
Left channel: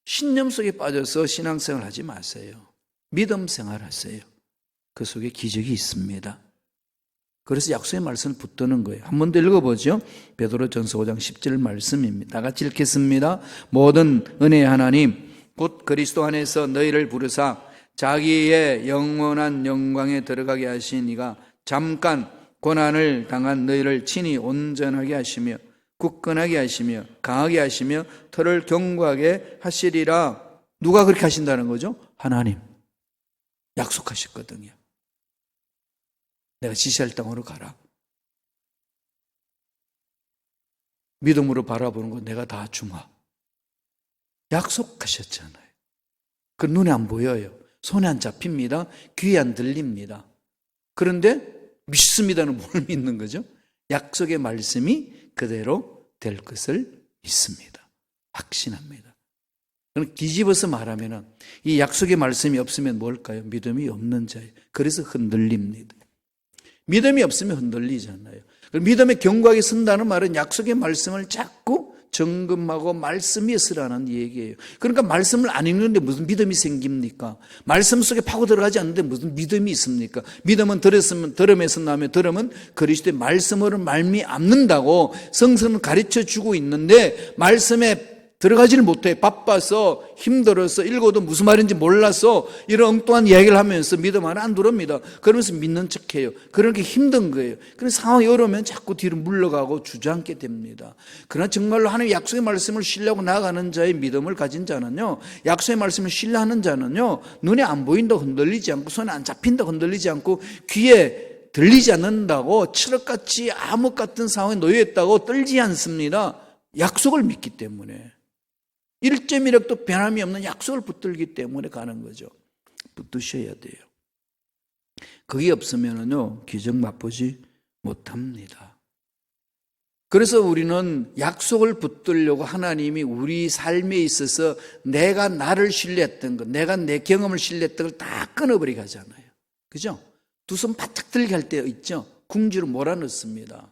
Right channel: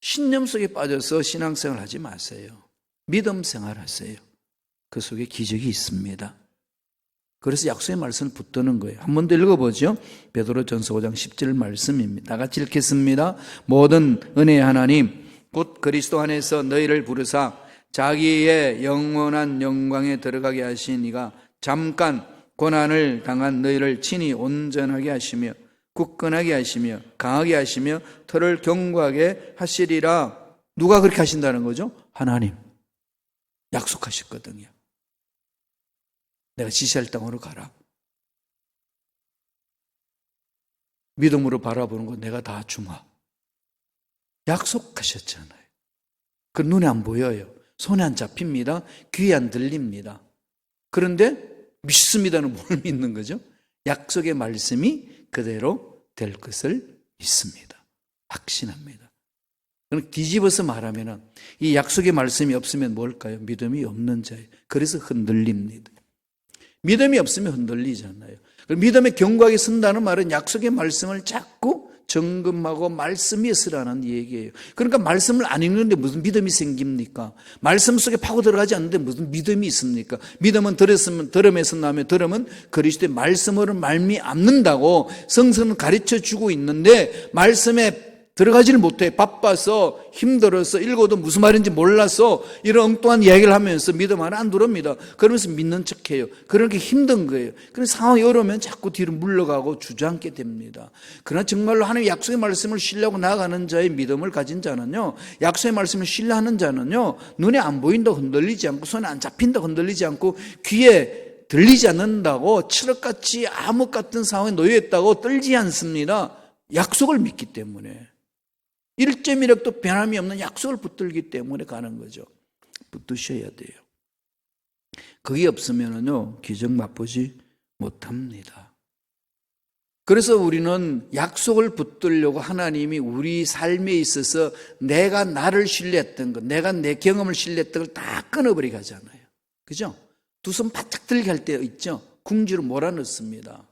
신념 속에 빠져서 신앙생활 하지 마세요. 믿음 생활하세요. 그 속에 기적이 있습니다. 그래서 약속의 말씀을 붙드는 거예요. 한 번 더 읽어보죠. 베드로전서 5장 10절 말씀입니다. 다 같이 읽겠습니다. 모든 은혜의 하나님 곧 그리스도 안에서 너희를 부르사 자기의 영원한 영광에 들어가게 하신 이가 잠깐 고난을 당한 너희를 친히 온전하게 하시며 굳건하게 하시며 강하게 하시며 터를 견고하게 하시리라. 누가 그렇게 하신다는 거죠? 하나님. 약속하셨거든요. 내가 지시할 땅으로 가라. 믿음으로 바라보는 건 내가 다 주마. 약속하셨잖아요. 그 눈에 안 보여요. 손에 안 잡힙니다. 귀에 안 들립니다. 그런데 믿습니다는 뭘 믿는 거죠? 약속의 말씀이 그대로 될 것을 믿습니다. 확신합니다. 그럼 뒤집어서 말하면 이 약속의 말씀이 없으면 뭘까요? 믿음이 없는 자예요. 그래서 흔들립니다. 믿음이 없으면 흔들리잖아요. 믿음의 견고하게 쓴다는 말은 약속의 말씀을 자꾸 점검하고 말씀이 있으라는 얘기예요. 그러니까 말씀을 안 읽는데 무슨 믿음이 생깁니까? 말씀 속에 파고 들어가지 않는데 무슨 믿음이 있습니까? 믿음은 들음에서 나며 들음은 그리스도의 말씀으로 말미암는다고 성서는 가르쳐주고 있는데 말씀에 들어가질 못해. 바빠서 힘들어서 읽어도 무슨 말인지 몰라서 이런 엉뚱한 이야기를 하면서 믿음 하나 안 들어옵니다. 그래서 믿는 척해요. 그렇게 힘든 거예요. 그래서 상황이 어려우면 자꾸 뒤로 물러가고 주저앉게 됩니다. 그러나 정말로 하나님의 약속의 말씀을 신뢰하고 나아가는 자의 믿음을 가진 자는요, 약속의 말씀을 신뢰하는 자는요, 눈에 안 보인다고 흔들리지 않고 손에 안 잡힌다고 흔들리지 않고 귀에 들리지 않는다고 칠흑같이 암흑 같은 상황에 놓여있다고 떨지 않습니다. 약속을 믿기 때문에. 1점이라도 변함이 없는 약속을 붙들기 때문에 가는 거죠. 붙드셔야 돼요. 그게 없으면요, 기적 맛보지 못합니다. 그래서 우리는 약속을 붙들려고 하나님이 우리 삶에 있어서 내가 나를 신뢰했던 것, 내가 내 경험을 신뢰했던 걸 다 끊어버리게 하잖아요. 그죠? 두 손 바짝 들게 할 때가 있죠? 궁지를 몰아넣습니다.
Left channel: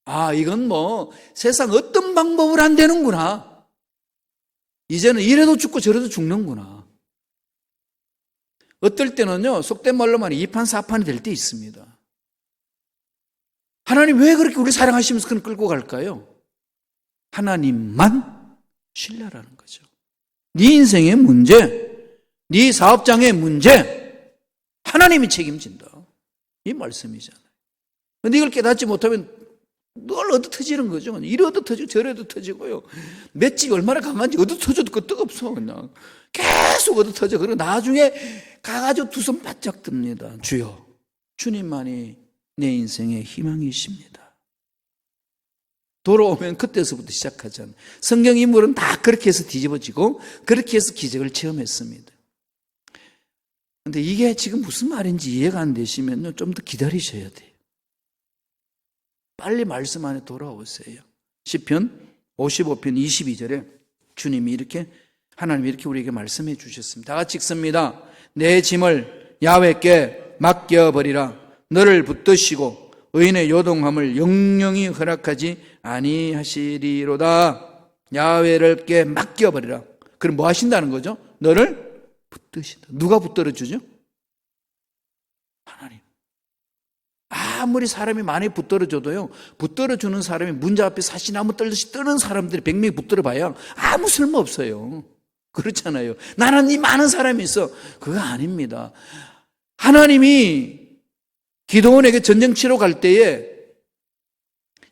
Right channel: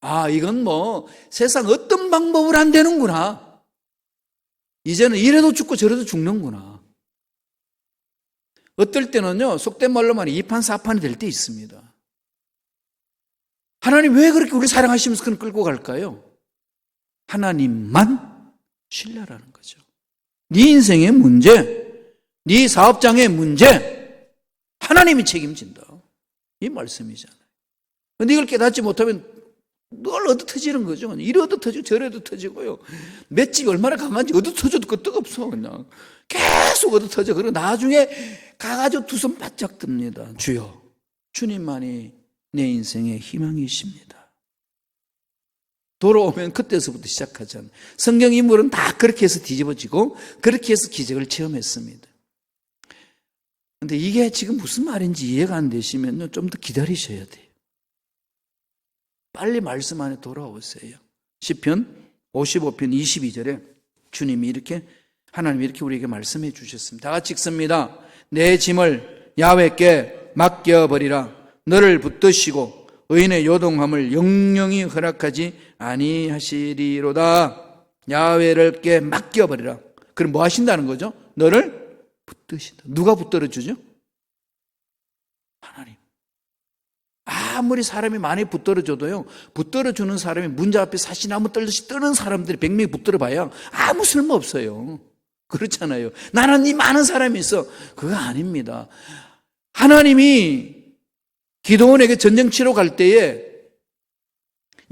아, 이건 뭐 세상 어떤 방법으로 안 되는구나. 이제는 이래도 죽고 저래도 죽는구나. 어떨 때는요, 속된 말로 말하면 2판 4판 될 때 있습니다. 하나님 왜 그렇게 우리 사랑하시면서 그런 끌고 갈까요? 하나님만 신뢰하라는 거죠. 네 인생의 문제, 네 사업장의 문제, 하나님이 책임진다. 이 말씀이잖아요. 근데 이걸 깨닫지 못하면 늘 얻어 터지는 거죠. 이리 얻어 터지고 저리 얻어 터지고요. 맷집이 얼마나 강한지 얻어 터져도 것도 없어. 그냥 계속 얻어 터져. 그리고 나중에 가가지고 두 손 바짝 듭니다. 주여, 주님만이 내 인생의 희망이십니다. 돌아오면 그때서부터 시작하잖아요. 성경 인물은 다 그렇게 해서 뒤집어지고 그렇게 해서 기적을 체험했습니다. 근데 이게 지금 무슨 말인지 이해가 안 되시면 좀 더 기다리셔야 돼요. 빨리 말씀 안에 돌아오세요. 시편 55편 22절에 주님이 이렇게, 하나님이 이렇게 우리에게 말씀해 주셨습니다. 다 같이 읽습니다. 내 짐을 야훼께 맡겨버리라. 너를 붙드시고 의인의 요동함을 영영히 허락하지 아니하시리로다. 야훼께 맡겨버리라. 그럼 뭐 하신다는 거죠? 너를 붙드시다. 누가 붙들어주죠? 하나님. 아무리 사람이 많이 붙들어줘도요, 붙들어주는 사람이 문제 앞에 사시나무 떨듯이 뜨는 사람들이 100명이 붙들어봐야 아무 쓸모 없어요. 그렇잖아요. 나는 이 많은 사람이 있어. 그거 아닙니다. 하나님이 기도원에게 전쟁 치러 갈 때에,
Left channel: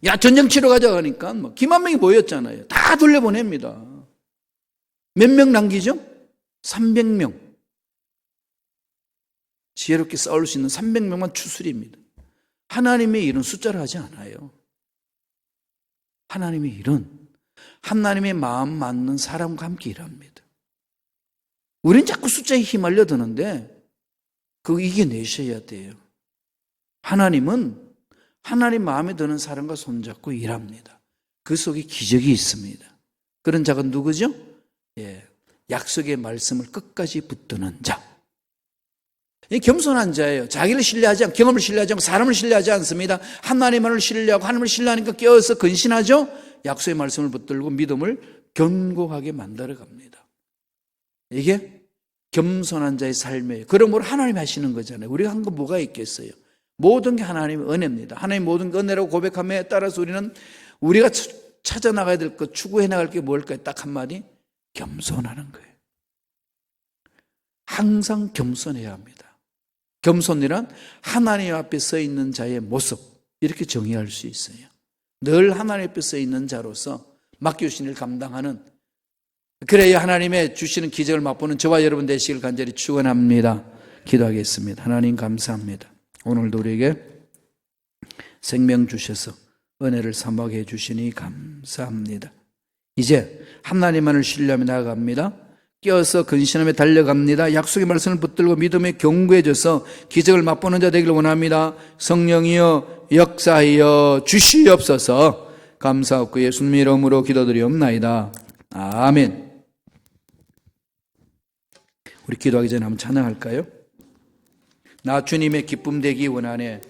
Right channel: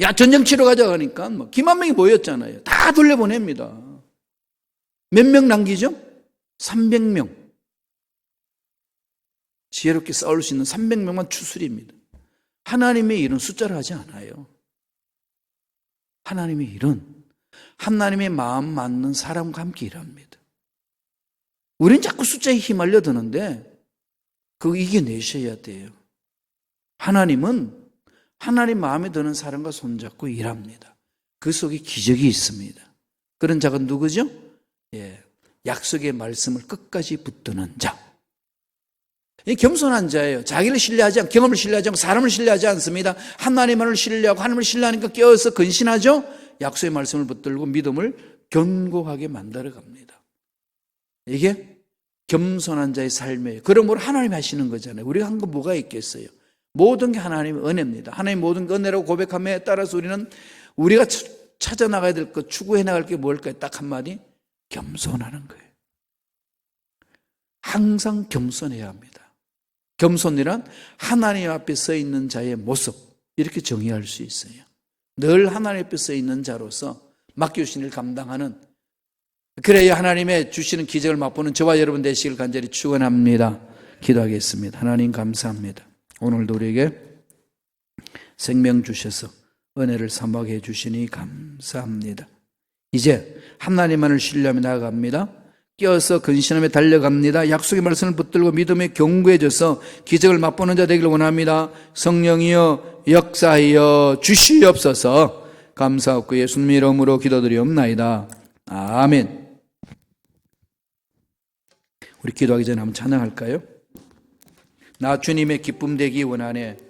야, 전쟁 치러 가자 그러니까 기만 명이 모였잖아요. 다 돌려보냅니다. 몇 명 남기죠? 300명. 지혜롭게 싸울 수 있는 300명만 추수입니다. 하나님의 일은 숫자를 하지 않아요. 하나님의 일은 하나님의 마음 맞는 사람과 함께 일합니다. 우리는 자꾸 숫자에 휘말려 드는데 그거 이겨내셔야 돼요. 하나님은 하나님 마음에 드는 사람과 손잡고 일합니다. 그 속에 기적이 있습니다. 그런 자가 누구죠? 예, 약속의 말씀을 끝까지 붙드는 자. 이 겸손한 자예요. 자기를 신뢰하지 않고, 경험을 신뢰하지 않고, 사람을 신뢰하지 않습니다. 하나님을 신뢰하고, 하나님을 신뢰하니까 껴서 근신하죠. 약속의 말씀을 붙들고 믿음을 견고하게 만들어 갑니다. 이게 겸손한 자의 삶이에요. 그러므로 하나님 하시는 거잖아요. 우리가 한 거 뭐가 있겠어요? 모든 게 하나님의 은혜입니다. 하나님 모든 은혜로 고백함에 따라서 우리가 찾아나가야 될 것, 추구해 나갈 게 뭘까요? 딱 한마디, 겸손하는 거예요. 항상 겸손해야 합니다. 겸손이란 하나님 앞에 서 있는 자의 모습, 이렇게 정의할 수 있어요. 늘 하나님 앞에 서 있는 자로서 맡겨주신 일을 감당하는, 그래야 하나님의 주시는 기적을 맛보는 저와 여러분 되시길 간절히 축원합니다. 기도하겠습니다. 하나님 감사합니다. 오늘도 우리에게 생명 주셔서 은혜를 사모하게 해주시니 감사합니다. 이제 하나님만을 신뢰하며 나아갑니다. 끼어서 근신하며 달려갑니다. 약속의 말씀을 붙들고 믿음에 견고해져서 기적을 맛보는 자 되기를 원합니다. 성령이여 역사하여 주시옵소서. 감사하고 예수님 이름으로 기도드리옵나이다. 아멘. 우리 기도하기 전에 한번 찬양할까요? 나 주님의 기쁨 되기 원하네.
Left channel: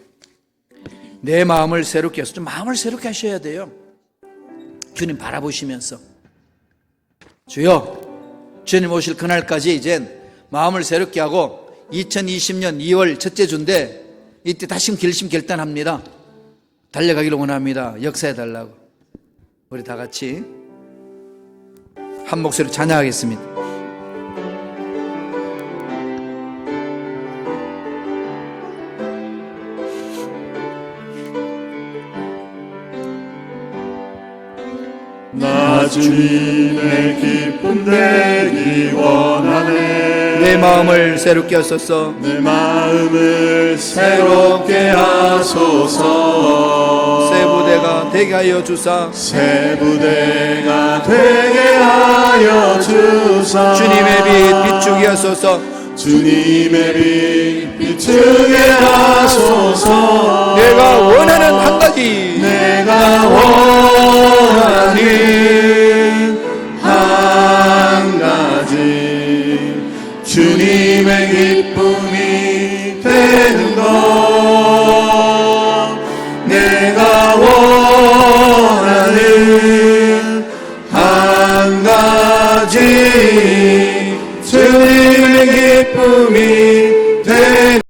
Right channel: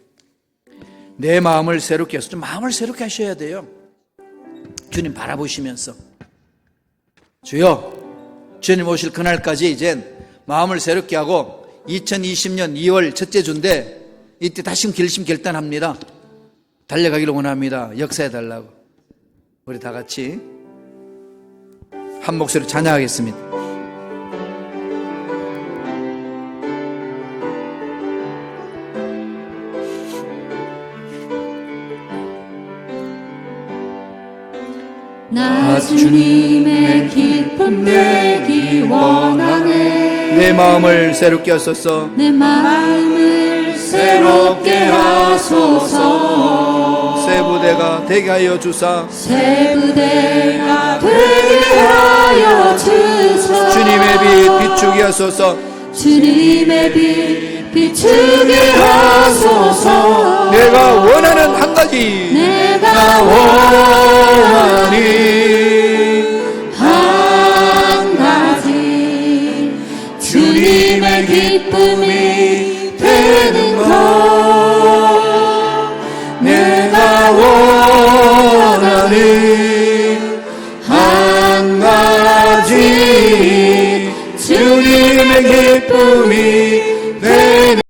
내 마음을 새롭게 해서, 좀 마음을 새롭게 하셔야 돼요. 주님 바라보시면서, 주여, 주님 오실 그날까지 이젠 마음을 새롭게 하고 2020년 2월 첫째 주인데 이때 다시 결심 결단합니다. 달려가기를 원합니다. 역사해달라고. 우리 다 같이 한 목소리로 찬양하겠습니다. 나 주님의 기쁨 되기 원하네. 내 마음을 새롭게 하소서. 내 마음을 새롭게 하소서. 새 부대가 되게 하여 주사. 새 부대가 되게 하여 주사. 주님의 빛 비추게 하소서. 주님의 빛 비추게 하소서. 내가 원하는 한 가지